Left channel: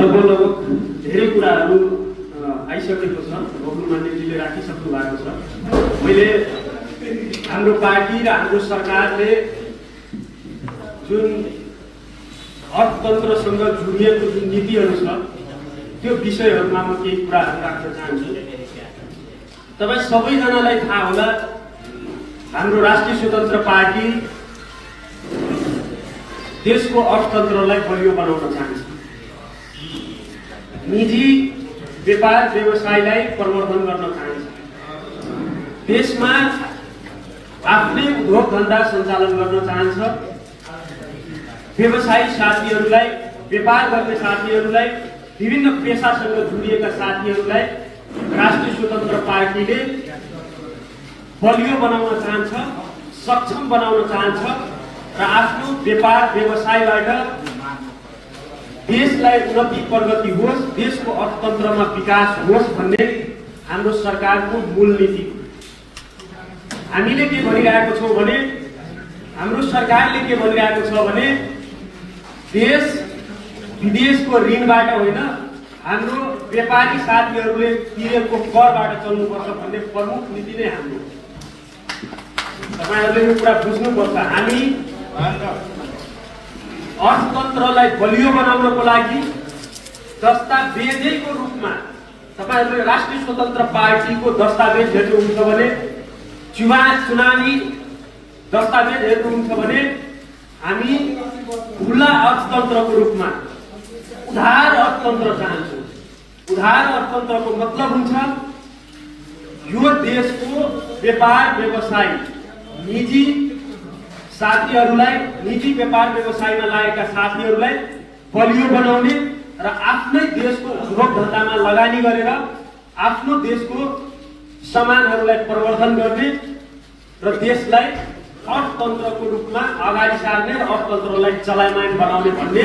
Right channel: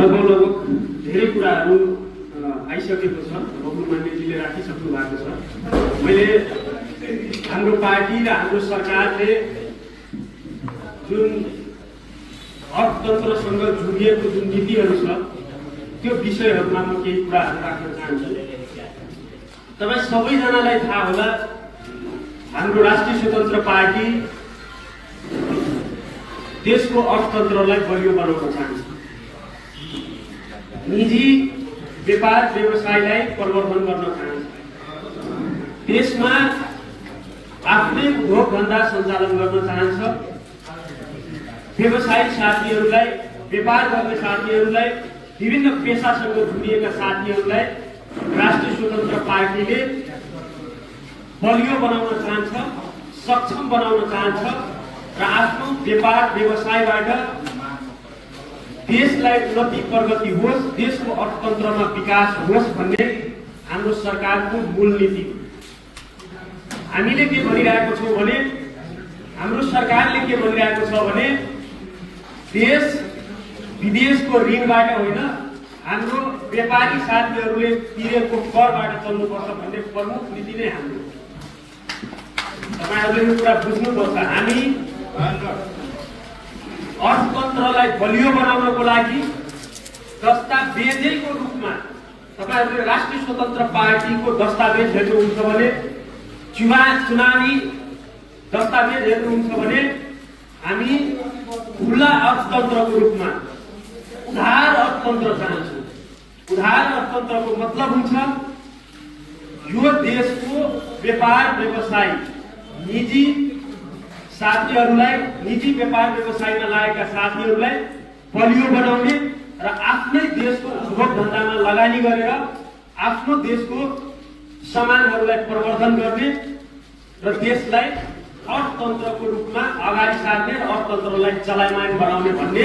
लगभग धेरै कुराहरू आइसकेको छ। बहुमान्यजीले राखिसक्नु भएको छ। मैले हाम्रो पार्टी र हाम्रो सरकारले जुन अर्थतन्त्रसँग जोडिएको जुन नीतिहरू छ त्यो विषयहरूमा म केही कुराहरू राख्न चाहन्छु। तपाईँ सबैजनालाई थाहा होला, हाम्रो राष्ट्रिय स्वतन्त्र पार्टी देशको अर्थतन्त्रलाई बलियो बनाउन चाहन्छ। निजी व्यापार व्यवसायलाई प्रवर्धन गर्न चाहन्छ। देशमा आफ्नै उद्योग धन्दा सञ्चालन गर्न चाहन्छ। व्यवसायिक साथीहरूलाई, व्यापार गर्ने साथीहरूलाई, विभिन्न पेसासँग जोडिएका साथीहरूलाई राष्ट्रिय स्वतन्त्र पार्टीले बलियो बनाउन चाहन्छ, सक्षम बनाउन चाहन्छ र आफ्नो व्यापार व्यवसायबाट देशलाई उन्नति प्रगति होस्, देशको अर्थतन्त्रमा विकास होस् भन्ने हाम्रो सरकारको मूल नीति हो। हामीले के भनिरहेको छौँ भने, हाम्रो सरकारले के भनिरहेको छ भने, देश विदेशको ऋणबाट होइन, हाम्रो व्यापारी साथीहरूले तिरेको करबाट चल्नुपर्छ भन्ने प्रमुख नीति नै हाम्रो। तपाईहरुले यो कुरा बुझ्नुपर्छ। हामी अर्थतन्त्रलाई बलियो बनाउनको लागि दस्तावेजको रूपमा, तपाईहरुले राष्ट्रिय स्वतन्त्र पार्टीको दस्तावेज हेर्नुहुन्छ भने, चुनावी दस्तावेज हेर्नुहुन्छ भने, हामी खुला अर्थतन्त्रको रूपमा उधार अर्थतन्त्र चाहन्छौँ। उधार अर्थतन्त्रको मतलब हुन्छ यो देशको व्यापार व्यवसाय, निजी साथीहरूलाई, निजी व्यापार व्यवसायमा लागेका साथीहरूलाई बलियो बनाउने र आफ्नै देशको उद्योग धन्दामा लगानी गरेर आफ्नो देशको सामानहरूलाई प्रवर्धन गर्ने र देशलाई अर्थतन्त्रको रूपमा अगाडि सार्ने र अर्थतन्त्रलाई चलायमान बनाउने भन्ने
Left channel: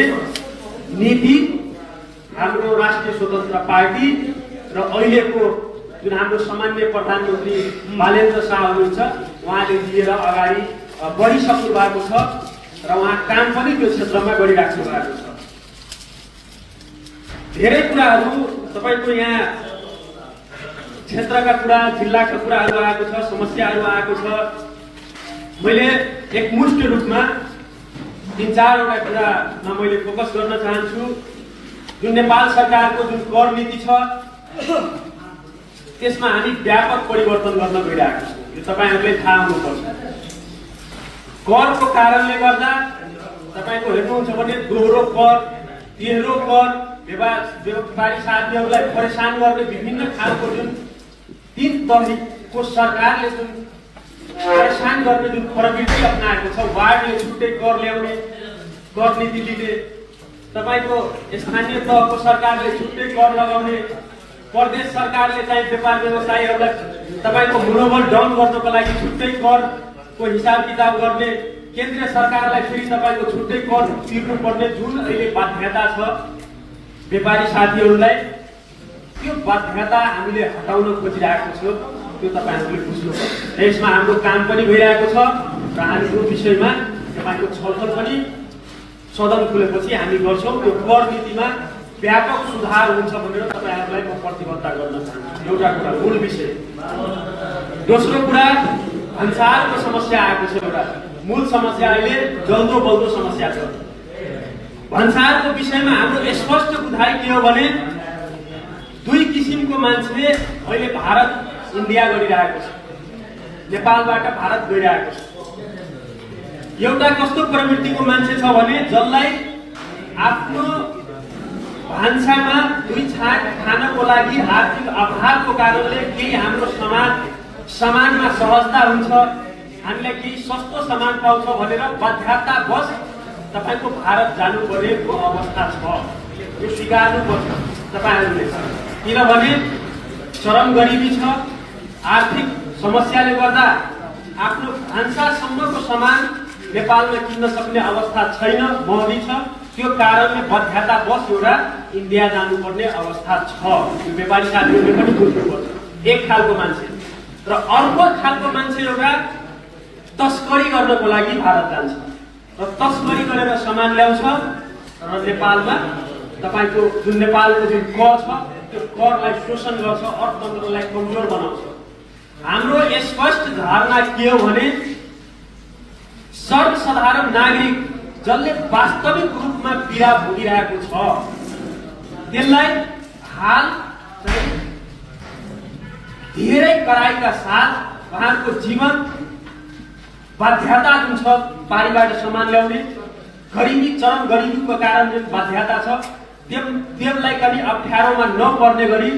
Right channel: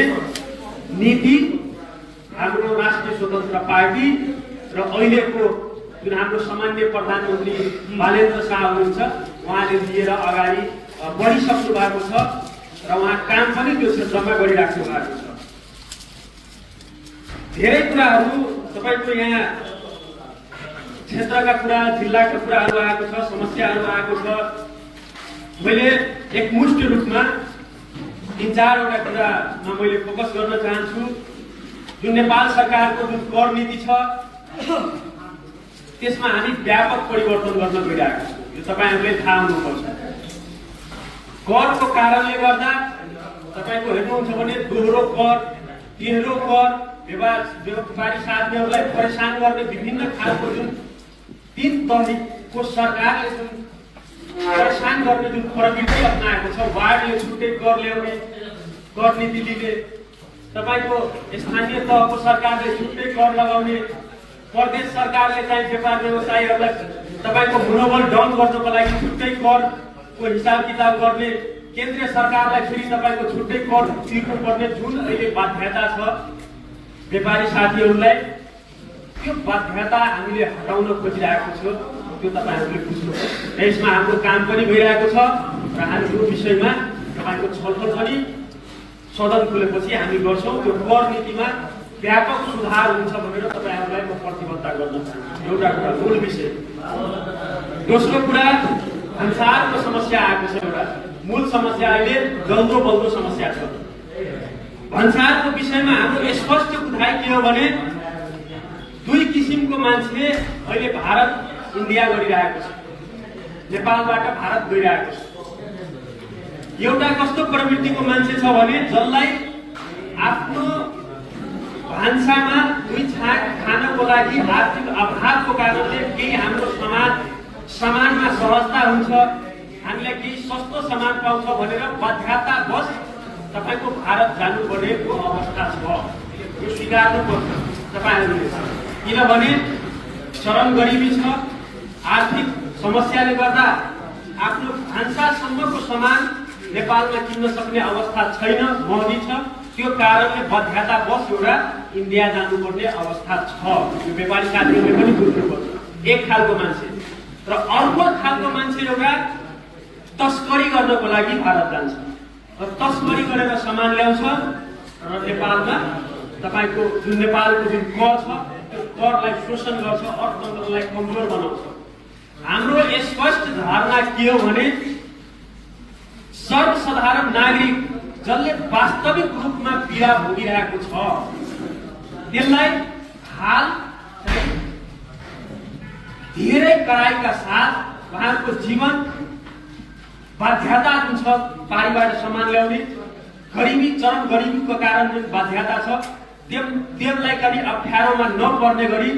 नीति हाम्रो राष्ट्रिय स्वतन्त्र पार्टी र अहिलेको जुन हाम्रो सामान्य प्रधानमन्त्री बालेन्द्र शाह हुनुहुन्छ उहाँले लिएर अगाडि बढिसक्नु भएको छ र उहाँ काम पनि त्यो क्षेत्रमा गरिराख्नु भएको छ। धेरै कुराहरू तपाईको यहाँ क्षेत्रका कुरा, जिल्लाका कुराहरू आएको छ, समस्याहरू आएको छ। मैले एकमुष्ट रूपमा 3-4वटा कुरामा मैले फोकस गर्न चाहन्छु। जुन नेपाल सरकारको जुन कर नीति छ त्यसमा हामी व्यापक परिवर्तन गर्न गइरहेका छौँ। यो तपाईहरुले थाहा हुनुपर्छ। करको कारणले गर्दा तपाईको हेर्नुहुन्छ भने दोहोरो कर, तेह्रो कर, व्यापारी साथीहरूलाई परेशान गर्ने विभिन्न खालको जुन 3 तहको सरकारले जुन परेशान गर्ने जुन प्रवृत्ति अपनाएको छ, वार्डले छुट्टै कर ल्याउने, कर नीति दिने, तपाईको स्थानीय तहको सरकारले छुट्टै कर लगाउने, प्रदेश सरकारले चाहिँ व्यापार व्यवसायीहरूलाई तपाईको मनोबल डाउन गर्नको लागि छुट्टै करको हिसाब किताब गर्ने, केन्द्रीय सरकारलाई फेरि तपाईको छुट्टै कर तिर्नुपर्ने जुन अहिले बाध्यता छ व्यापारी साथीहरूलाई, त्यो बाध्यता हामीले हटाउन खोजिरहेको छौँ। त्यो तपाईहरुले बुझ्नुपर्छ। यसमा हाम्रो काम पनि भइरहेको छ र हामी यो विषयमा तपाईको छलफल पनि सदन खुलेपछि हामी गर्छौँ। त्यो कर नीतिमा व्यापक सुधार हुन्छ भनेर तपाईहरुलाई म प्रतिबद्धता गर्न चाहन्छु। एउटा कुरा मूल विषय। दोस्रो कुरा, भन्सारको समस्या आएको छ। एउटा मूल समस्या अहिले जल्दो बल्दो समस्या छ। भन्सारको विषयमा हाम्रो स्पष्ट बुझाइ के हो भने, 2 किसिमको मान्छे अहिले भारत इन्डिया गरिरहेको छ, नेपालबाट भारत गइरहेको छ। एउटा कस्तो प्रवृत्तिको मान्छे छ भने, जसलाई आफ्नो भान्सामा 2 छाक खानको लागि आर्थिक अभावको कारणले केही हाम्रो सामानमा सहजता हुन्छ, हामीले केही सस्तो सामान पाउँछ भनेर बाध्यतावश तपाईको भारत जानुपर्नेको अवस्था छ। यो स्वीकार्नुपर्छ तपाईहरुले। किनभने चरम गरिबी छ, आर्थिक समस्याले गर्दा आफ्नो भान्सासम्मको सामान नेपालमा किन्न सक्ने अवस्था छैन, महँगी छ। त्यो कारणले बाध्यतावश एउटा इन्डिया जानुपर्ने अवस्था छ। यो व्यापारी साथीहरूले पनि बुझ्नुपर्छ। एक खालको मान्छे र अर्को खालको मान्छे एउटा तस्करी गर्नको लागि भारत जान्छ र तस्करी गरेर सामान ल्याउँछ र नेपालमा तपाईँको जुन नेपालको जुन कर छ त्यो करलाई शोषण गर्छ, अर्थतन्त्रलाई कमजोर बनाउँछ। हाम्रो स्पष्ट धारणा के हो भने सर्वसाधारण नागरिक जसले वास्तविक रूपमा पीडा भोगिरहेको छ त्यसलाई हाल धेरै कडाइका साथ उहाँको जीवन बाध्यता जुन छ पारिबाट सामान ल्याउने, गरिबी चरम गरिबीको कारण जुन बाध्यता छ त्यसलाई पनि अप्ठ्यारोमा नपर्ने गरी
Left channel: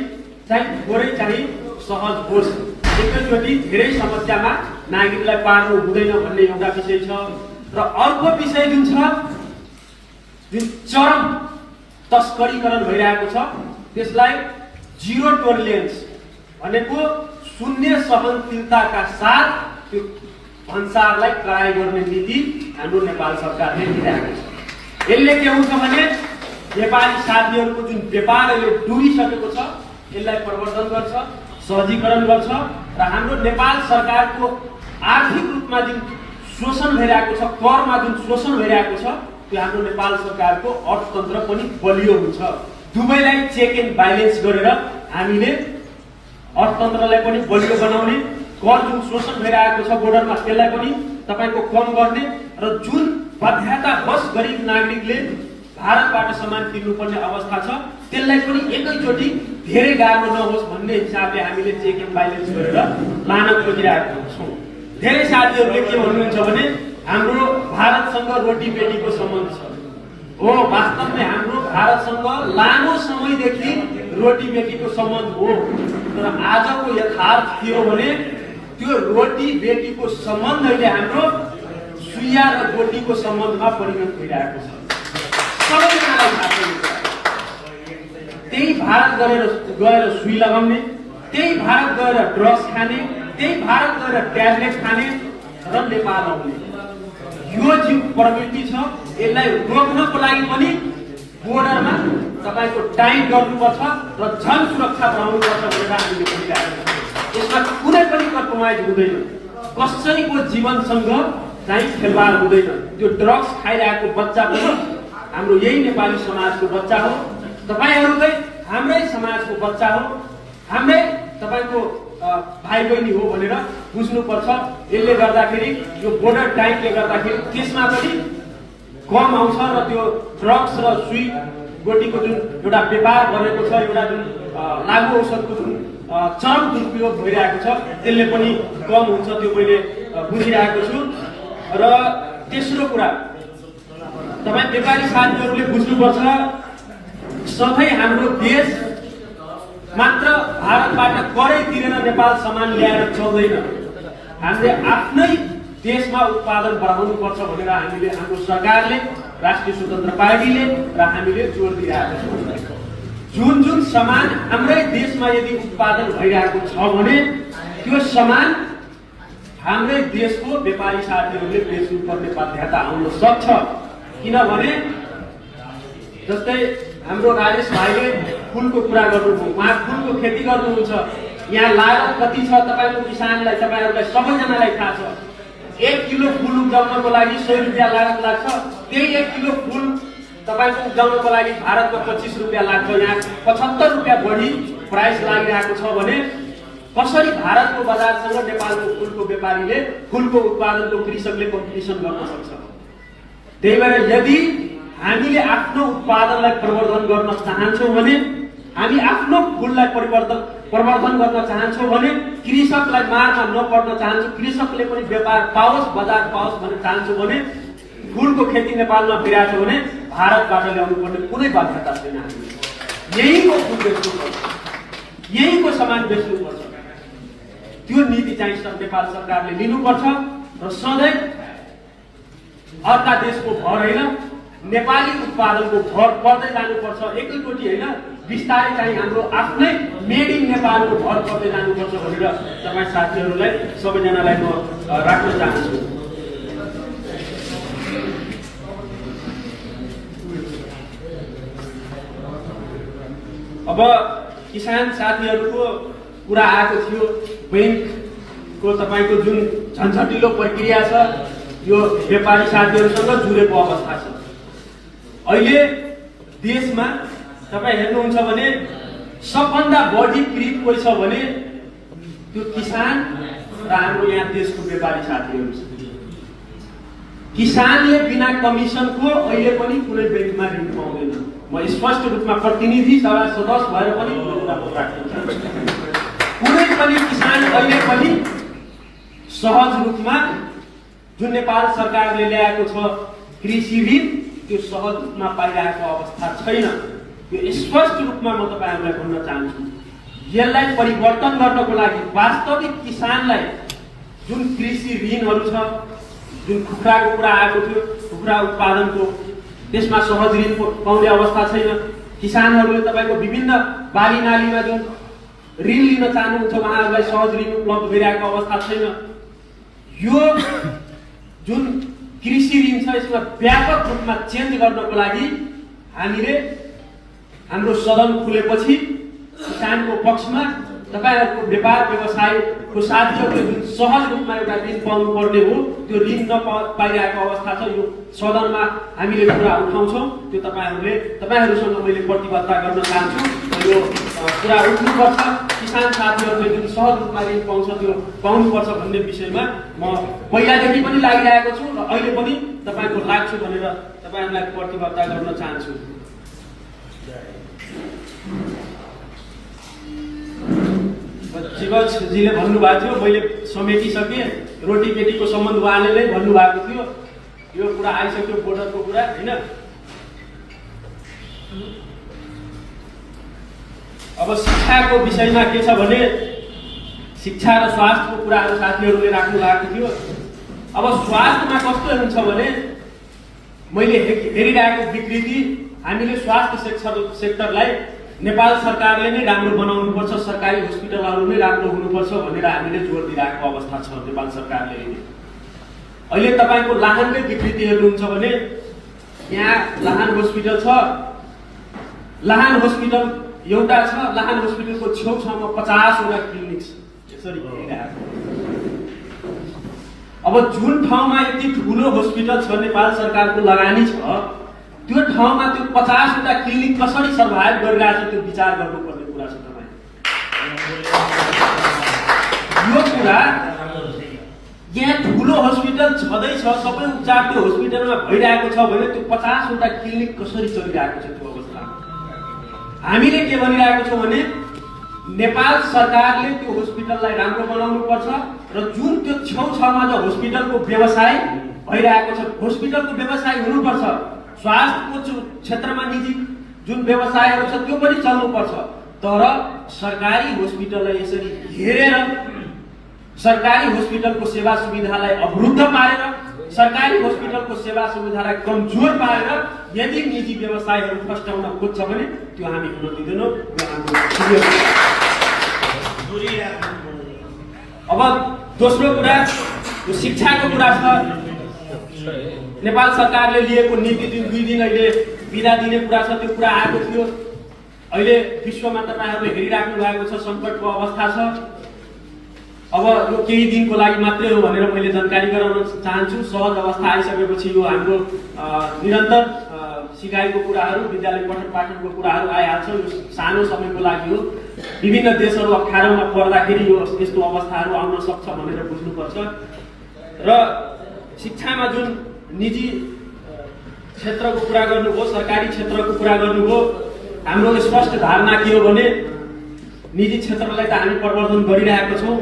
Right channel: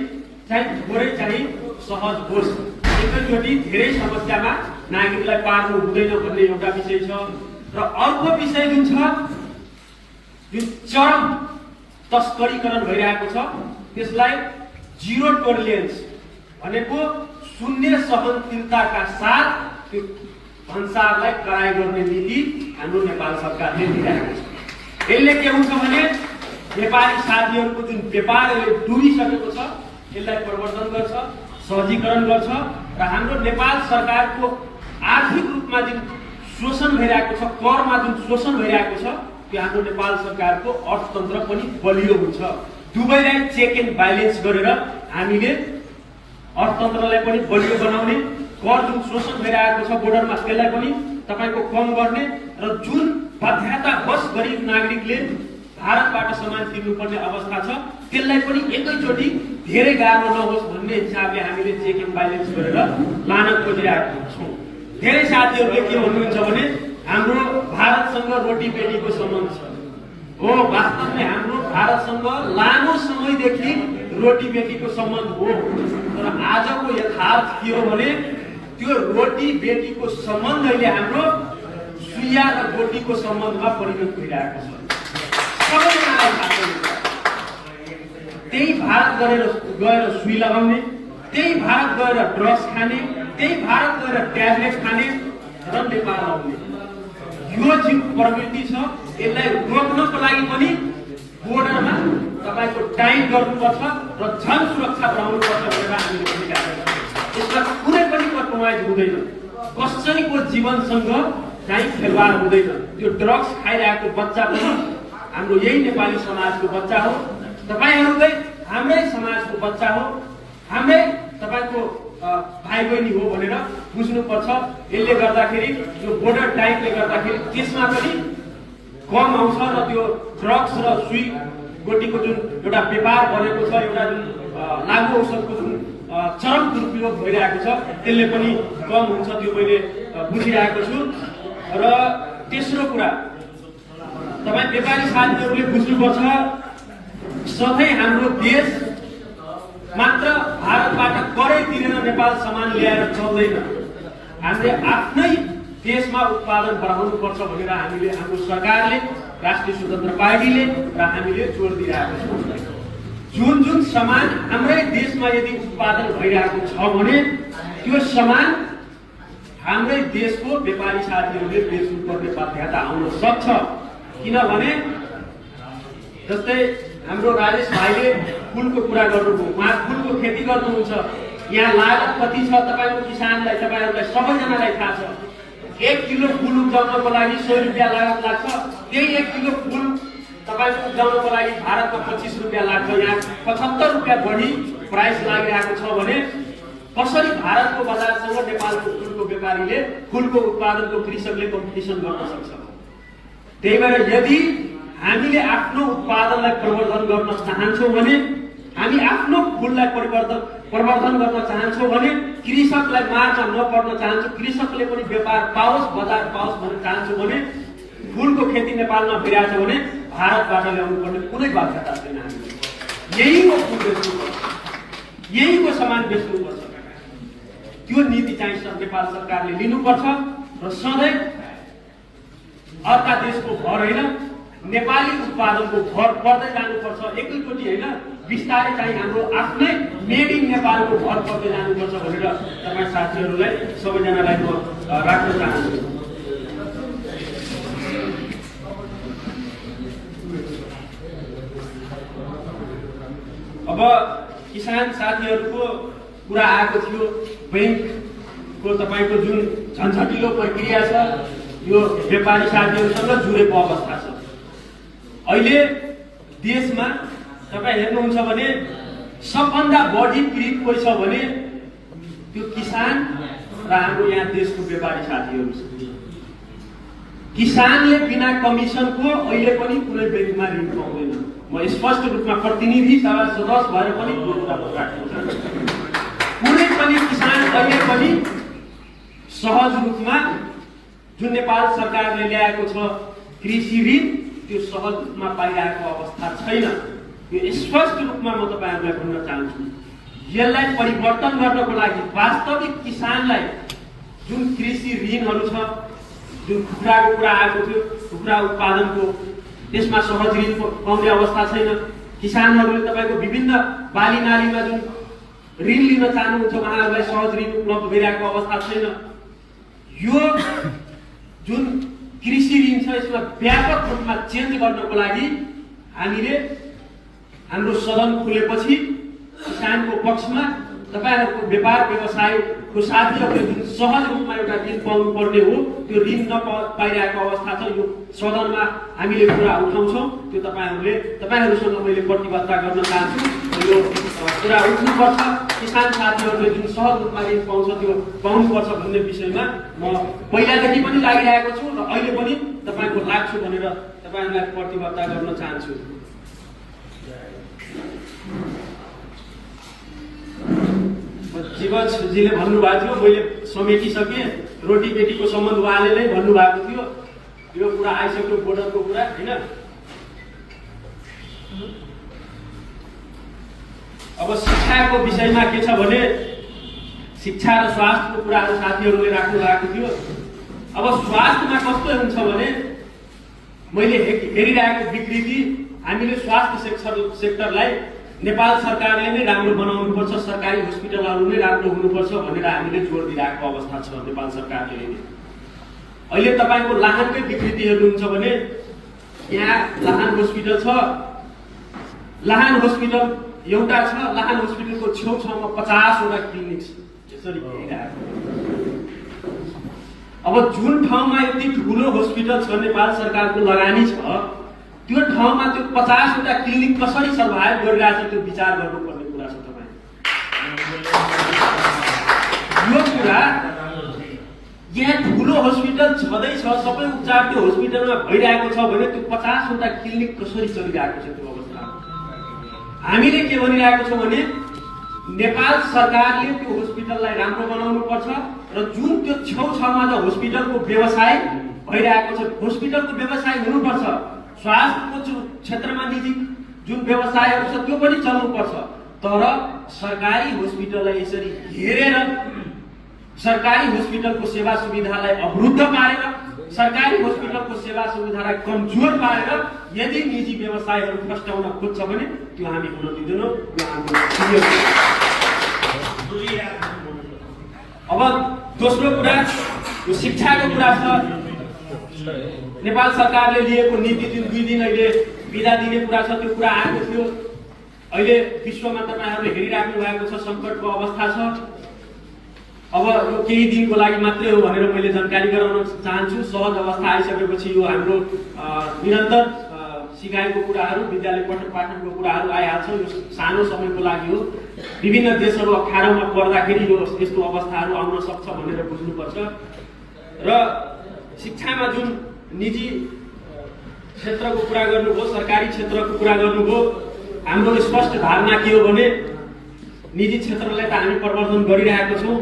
चाहिँ थोरै चाहिँ सहज होस्। एकैचोटि धेरै समस्यामा नागरिकलाई पार्नु हुँदैन भन्ने एउटा विषय छ। र अर्को विषय जुन छ जुन चरम तस्करीकरण भइरहेको छ त्यसलाई जिरो टोलरेन्स भनेको शून्य सहनशीलताका साथ त्यो भन्सारलाई कराई गर्ने नीति हाम्रो नेपाल सरकारले लिइरहेको छ। यसले के हुन्छ भने नेपाली साथीहरूको जुन व्यापार अहिले डुबिसकेको छ यसलाई प्रवर्धन गर्छ, सहजीकरण गर्छ र हाम्रो नेपाल सरकारको आर्थिक रूपमा जुन शोषण भइरहेको छ, करमा जुन शोषण भइरहेको छ त्यो हाम्रो नेपाल सरकारको अर्थतन्त्र पनि बलियो हुन्छ। दुवैलाई चेक एन्ड ब्यालेन्स गरेर हामीले अर्थतन्त्रलाई पनि बलियो बनाउने, कर जुन शोषण भइरहेको छ बोर्डरमा त्यसलाई पनि तपाईँको कम गर्ने र जुन बाध्यतावश गरिब नागरिकले भारतबाट सामान किन्नुपर्ने अवस्था छ त्यसलाई पनि एकैचोटि धेरै गाह्रो नहोस् भन्ने हिसाबले हामीले चेक एन्ड ब्यालेन्स गरेर लान खोजिरहेका छौँ। धेरै साथीहरूले के भन्नुहुन्छ भने हाम्रो भारतसँग रोटी बेटीको सम्बन्ध छ। हो, वास्तवमै हाम्रो भारतसँग लामो समयदेखि रोटी बेटीको सम्बन्ध हो, तर आजको यथार्थ के हो भने त्यो रोटी बेटीको सम्बन्धले हाम्रो सुइया र रोटीको सम्बन्धमा परिणत भइरहेको छ। सबैजनालाई थाहा छ त्यही भारत गएर सुई लगाउने, त्यही भारत गएर ड्रग्स खाने, त्यही भारत गएर ट्याब्लेट खाने र नेपाल आउने यो जुन प्रवृत्ति छ यसलाई रोक्नको लागि पनि बोर्डरमा तपाईँको टाइम गर्नुपर्छ र जन सुरक्षा बनाउनुपर्छ भनेर हामीले भनिरहेको छ। यसमा कुनै पनि कम्प्रोमाइज हुँदैन, कसैको जीवनसँग चाहिँ खेलवाड हुँदैन। त्यो ड्रग्स खाइरहेको बच्चा पनि हाम्रो यही नेपाली समाजको बच्चा हो, तपाईँहरूलाई हाम्रै समाजको बच्चा हो, हाम्रै तपाईँको भाइ बहिनी हो भनेर बुझ्नुपर्छ। यसले गर्दाखेरि यो बोर्डर टाइपले गर्दाखेरि त्यसमा पनि कम आउँछ र त्यो ड्रग्स र सुई गोटीको जुन एउटा व्यापार गरेको छ, एउटा जुन लागु औषधको जुन चरम दुरुपयोग भइरहेको छ त्यसले पनि कम हुन्छ, त्यो मैले बुझिरहेको छु। र तेस्रो कुरा तपाईँ व्यापारी साथीहरूले बुझ्नुपर्छ, सधैँ हाम्रो देश मात्र भारतबाट करै तिरेर नेपाल सामान ल्याएर चल्दैन। हामीले आफ्नै देशमा उत्पादन बढाउनुपर्छ भनेर हामीले हाम्रो सरकारले, राष्ट्रिय स्वतन्त्र पार्टीले र हामीले जोड दिइरहेको छौँ। जुन जुन सामान हाम्रै देशमा यदि उत्पादन भइरहेको छ भने त्यो सामान हाम्रै देशको व्यापारी साथीहरूले बेच्नुपर्ने बाध्यता आउन सक्छ। किनभने जस्तै हाम्रो राजेश भाइले फुलको कुरा गर्नुभयो, उहाँ फुलको खेती गर्नुहुन्छ, यहाँ लागत कति छ तपाईँको किसानलाई, तपाईँहरूलाई सबैजनालाई थाहा छ। 1 किलो फुल उब्जाउनको लागि 100 रुपियाँ लागत लाग्छ। त्यही 1 किलो फुल तपाईँको उब्जाउनको लागि भारतमा 25 रुपियाँ लाग्छ। यहाँ 75 रुपियाँ बढी प्राइस लागिरहेको छ भने कसरी भारतको बजारसँग नेपालको फुलको व्यापारीले, फुलको उत्पादनको कृषकले कम्पिटिसन गर्न सक्छ? त्यही भएर यदि हामीले आफ्नो उत्पादनलाई प्रवर्धन गर्न चाहन्छौँ भने, हामी आफ्नो फुललाई प्रवर्धन गर्न चाहन्छौँ भने, कृषकलाई मारमा नपर्न चाहन्छौँ, कृषकले पनि व्यापार पाओस्, बजार पाओस् भन्न चाहन्छौँ भने फुलको खेती नेपालमा भइरहेछ भने भारतबाट ल्याउनु पर्ने कुनै बाध्यता छैन। हामीले यहीँको फुल बेच्नुपर्छ, यहीँको सामान बेच्नुपर्छ। त्यो नीति चाहिँ नेपाल सरकारले लिनुपर्छ र सधैँ अर्का देशको भर होइन, नेपाली उत्पादनको भर पर्दै जानुपर्छ। एकैचोटि होइन, बिस्तारै चाहिँ हाम्रो आफ्नै मेड इन नेपालको भर पर्दै जानुपर्छ भनेर तपाईँ साथीहरूलाई सबैजनालाई म राख्न चाहन्छु। अब किसान साथीहरूको कुरा आएको थियो, ब्याङ्कको तपाईँको जुन झन्झटिलो प्रक्रिया छ यो व्यापारी साथीहरूसँग जुडेको अवस्था छ। अहिले देशमा तपाईँ हेर्नुहुन्छ भने सबभन्दा बढी पीडित कोही छ भने त्यो किसान र हाम्रो यहाँ देशको व्यापारी साथीहरू छ। किसानले बिना कमिसनको अहिले पनि कुनै बेडीमा ऋण पाउँदैन। म स्पष्ट रूपमा प्रतिनिधि सभा सदस्य भएर पनि कुनै पनि किसान अहिले पनि सहज रूपमा जुन नेपाल सरकारले ल्याएको छ कृषि ऋण त्यो सहज रूपमा पाइरहेको अवस्था छैन। यो स्पष्ट रूपमा म तपाईहरुलाई भन्न चाहन्छु। यसलाई परिवर्तन गर्नको लागि वास्तविक किसानलाई जुन कृषि ऋणहरू छ, जुन कुखुराको कुरा आएको थियो, कुखुरा उत्पादनको त्यसमा सहज ऋण पाउने अवस्था छैन। किसानहरूले तपाईको विभिन्न बाली नालीमा जुन ऋण लिन चाहनुहुन्छ उहाँहरूलाई सहज ऋण उपलब्ध भइरहेको अवस्था छैन। यो जुन कृषि ऋण छ यसमा व्यापक रूपमा चेन्ज गर्नको लागि हामीले हाम्रो सदन खुलेपछि किसानको पक्षमा तपाईहरुको व्यापार व्यवसायको साथीहरूले जुन सहज रूपमा एउटा ऋण पाउनु पर्ने हो त्यो ऋण नपाइरहेको अवस्था छ। यो सदनमा हामीले कुरा उठाउँछौँ। त्यो तपाईहरुसँग मैले प्रतिबद्धता गर्न चाहन्छु। यो कुरा उठ्नुपर्छ। किसान साथीहरूले जुन सहज रूपमा ऋण पाउँछ त्यो पाउनुपर्छ भन्ने विषयमा म पहिलादेखि पनि लागिरहेको छु र अहिले पनि तपाईको लाग्छु भनेर तपाईहरुलाई प्रतिबद्धता गर्न चाहन्छु। शिवजीले भन्नुभएको थियो, मैले समेटिसकेँ। रोटी पेटीको सम्बन्ध उहाँले नै भन्नुभएको थियो। यो कुरा आइसक्यो बोर्डरको कुरा हैन। अब शिक्षाको विषयमा के छ भने शिक्षा र स्वास्थ्यको कुराहरू साथीहरूले राख्नु भएको थियो। अब स्वास्थ्यमा कस्तो हुन्छ भने मैले हेरिरहेको विकृति हामीले स्वास्थ्य सेक्टरलाई नेपाल सरकारले नै राम्रो बनाउनुपर्छ, सरकारी हस्पिटलहरू नै राम्रो हुनुपर्छ भनेर हामीले जोड दिइरहेको अवस्था छ नेपाल सरकारले। अहिले तपाईको लाहानकै विकृति हेर्नुहुन्छ भने यहाँ लाहान हस्पिटल छ। लाहान हस्पिटल एउटा छ। लाहान हस्पिटलको छेउछाउमा 50 वटा क्लिनिक छ। यसरी अब जुन ठाउँमा यति ठुलो हस्पिटल छ, नेपाल सरकारको लगानी छ, त्यो ठाउँमा त्यो 50 वटा क्लिनिक कसरी सर्भाइभ गरिरहेछ त्यो विचार गर्नुपर्ने कुरा छ। तपाईँ यो कुरा यहाँ ठुलो हस्पिटल छँदैछ, सबै उपचार त्यो हस्पिटलमा भइरहेको छ भने त्यो 50 वटा क्लिनिक कसरी चलिरहेको छ त्यो अवस्था। हामीले के भनिरहेको छौँ भने नेपाल सरकारले त्यो हस्पिटललाई राम्रो बनाउनु पर्छ र जुन त्यो छेउछाउमा जो हस्पिटलको व्यवसाय भइरहेको छ, हस्पिटलको व्यवसाय हुनुपर्छ। स्वास्थ्यको क्षेत्रमा निजी जुन व्यवसायहरू छ त्यो पनि चल्नुपर्छ। तर सरकारी हस्पिटललाई यसरी हेरेर सरकारी हस्पिटलको सेवा सुविधालाई अवरुद्ध पारेर सरकारी हस्पिटलको सेवा सुविधालाई कमजोर पारेर यदि निजी व्यवसायहरू फस्टाउन खोज्छ भने त्यो हामी हुन दिँदैनौँ। अब दोस्रो कुरा शिक्षाको कुरा छ। नेपाल सरकारले लिएको नीति 2 दिन अहिले बिदा दिने कुरा छ। त्यो कुरा आएको थियो। अहिले विश्वमा तपाईहरुले हेरिराख्नु भएको छ, संकटको अवस्था छ। अब यो केही दिनको लागि मात्रै हो भनेर मैले जानकारी गराउन चाहन्छु। सहज अवस्था आइसकेपछि यो हाम्रो निरन्तर सिकाइको कुराहरू, विद्यालय पठन पाठनको कुराहरू आइहाल्छ। यो सानो समयको लागि हो। विभिन्न देशहरू अप्ठ्यारोमा पर्दाखेरि यो यस्तो अवस्थाहरू आउन सक्छ भनेर बुझ्नुपर्छ। र शिक्षामा जुन निजी क्षेत्रको कुरा गर्नुभयो, सरकारी क्षेत्रको कुरा गर्नुभयो, हाम्रो स्पष्ट धारणा के हो भने निजी क्षेत्रलाई त हामी प्रवर्धन गरिरहेको छौँ,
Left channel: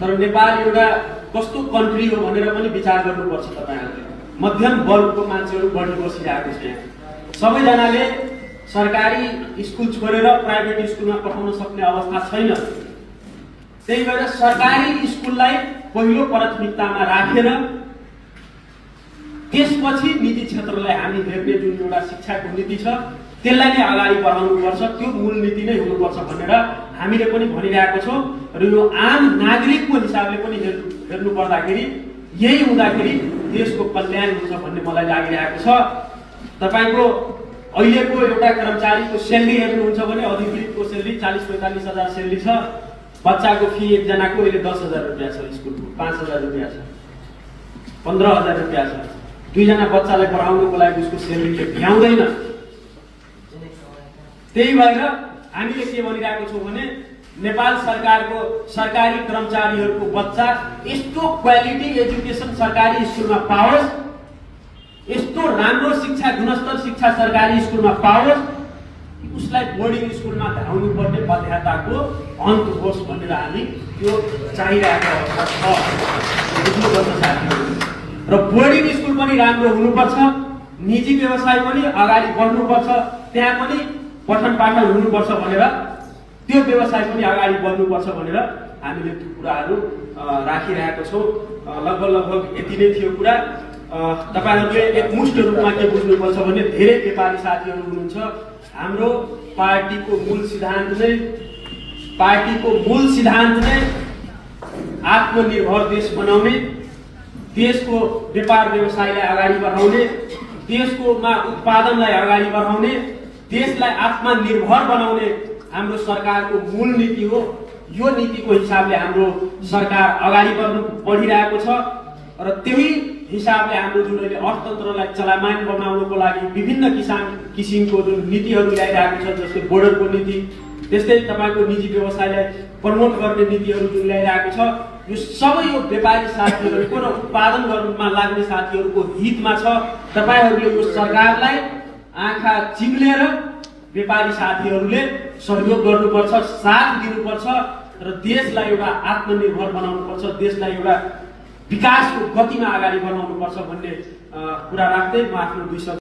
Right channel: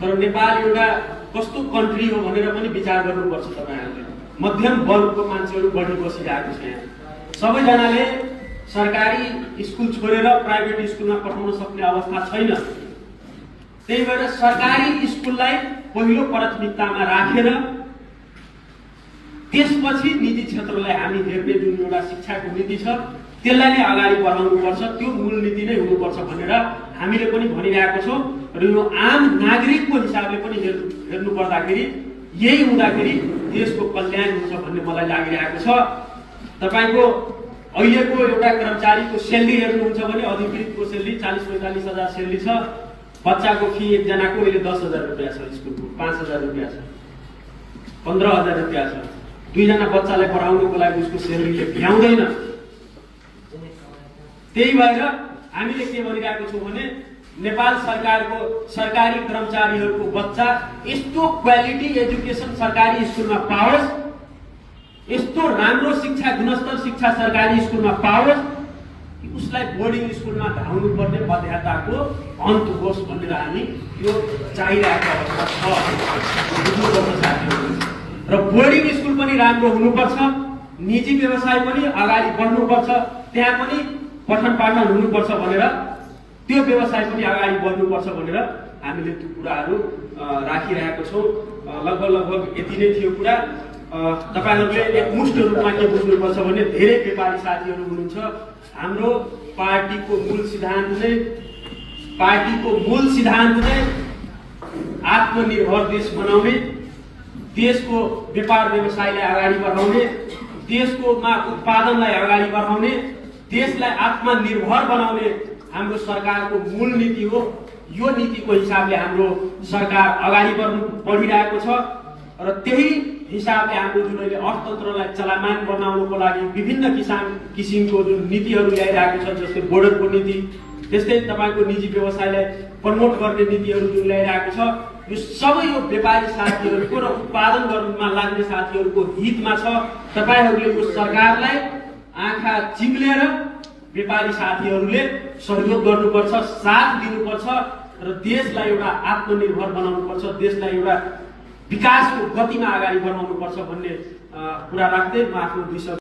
तर नेपाल एउटा कस्तो कन्ट्री हो भनेर पनि विचार गर्नुपर्छ। तपाईहरुले मध्यम वर्गको मान्छेहरू बढी बसिरहेको छ। सबैजनाले सरकारी स्कुल छोडेर प्राइभेट स्कुलमा पठाउन सक्ने अवस्था छैन। त्यही भएर सरकारी स्कुललाई पहिलो प्राथमिकतामा राखेर त्यसपछि निजी क्षेत्रलाई हामी हेर्ने जुन एउटा शिक्षाको नीति छ त्यसलाई नै अगाडि बढाउनुपर्छ। त्यो मूल नीति नै हुनुपर्छ भनेर हामीले पनि भनिरहेको छौँ। र यो आम नागरिकको हिसाबले पनि हेर्नु पर्दाखेरि यही हुँदाखेरि देशको कल्याण हुन्छ भन्ने मलाई लागिरहेको छ। तपाईको अहिलेको एउटा कर्मचारीको सेलेरी हेर्नुहुन्छ भने अधिकृतको सेलेरी 40-45 हजार सेलेरी छ। बच्चाको फी एकजनाको अहिले 10,000 रुपियाँ छ, स्कुलको 5,000 रुपियाँ छ, 15,000 रुपियाँ छ। 2 जना बच्चालाई पढाउनको लागि उसको सेलेरीले भ्याउँदैन। त्यही भएर हामीले के भनिरहेको छौँ भने नेपाल सरकारको सरकारी कर्मचारीहरूको बच्चा यस्तो क्वालिटी एजुकेसन सरकारी स्कुलमा पाओस्, यस्तो राम्रो शिक्षा गुणस्तर शिक्षा सरकारी स्कुलमा पाओस्, उसलाई बोर्डिङ स्कुलमा धाउनु पर्ने बाध्यताको अन्त होस् भनेर हामी यो चाहिरहेको अवस्था छ। र बोर्डिङ स्कुल पनि राम्रो हुनुपर्छ, निजी व्यवसाय पनि अगाडि बढ्नुपर्छ, त्यहाँ पनि पठन पाठन हुनुपर्छ भनेर, त्यो व्यवसाय पनि अगाडि बढ्नुपर्छ भनेर हामीले त्यो कुराहरू राखिरहेको छौँ। लगभग यति नै थियो कुरा। तपाईहरुले एकमुष्ट रूपमा के बुझ्नुपर्छ भने धेरै नेपाली साथीहरू हुनुहुन्छ। हाम्रो पार्टीको मूल सिद्धान्त नै आत्मनिर्भर देश बनाउने, देशको व्यापार व्यवसायलाई अगाडि बढाउने, देशको उत्पादनलाई अगाडि बढाउने, देशलाई आत्मनिर्भर बनाउने हाम्रो सरकारको मूल नीति हो। यो नीतिको हिसाबले हाम्रो सरकार अगाडि बढिरहेको छ र त्यही हिसाबले हाम्रो जुन अहिले अर्थतन्त्रलाई चलायमान बनाउनको लागि विभिन्न किसिमको जुन नीतिहरू ल्याइरहेको छ, जस्तै बोर्डरको नीति, त्यस्तै तपाईको निजी व्यवसायलाई प्रमोट गर्ने नीतिहरू जुन ल्याइरहेको छ, यो सबै यो व्यापारी साथीहरूको र उत्पादन गर्नमा लाग्ने साथीहरूको हितमा छ। तपाईहरूले यो सरकारलाई आँखा चिम्लेर व्यापारी साथीहरूले सहयोग गर्नुपर्छ, साथ दिनुपर्छ र देशलाई एउटा आत्मनिर्भर बनाउनुपर्छ, देशलाई एउटा विकासको गतिमा अगाडि बढाउनुपर्छ भन्ने कुरा राख्दै म आफ्नो विषय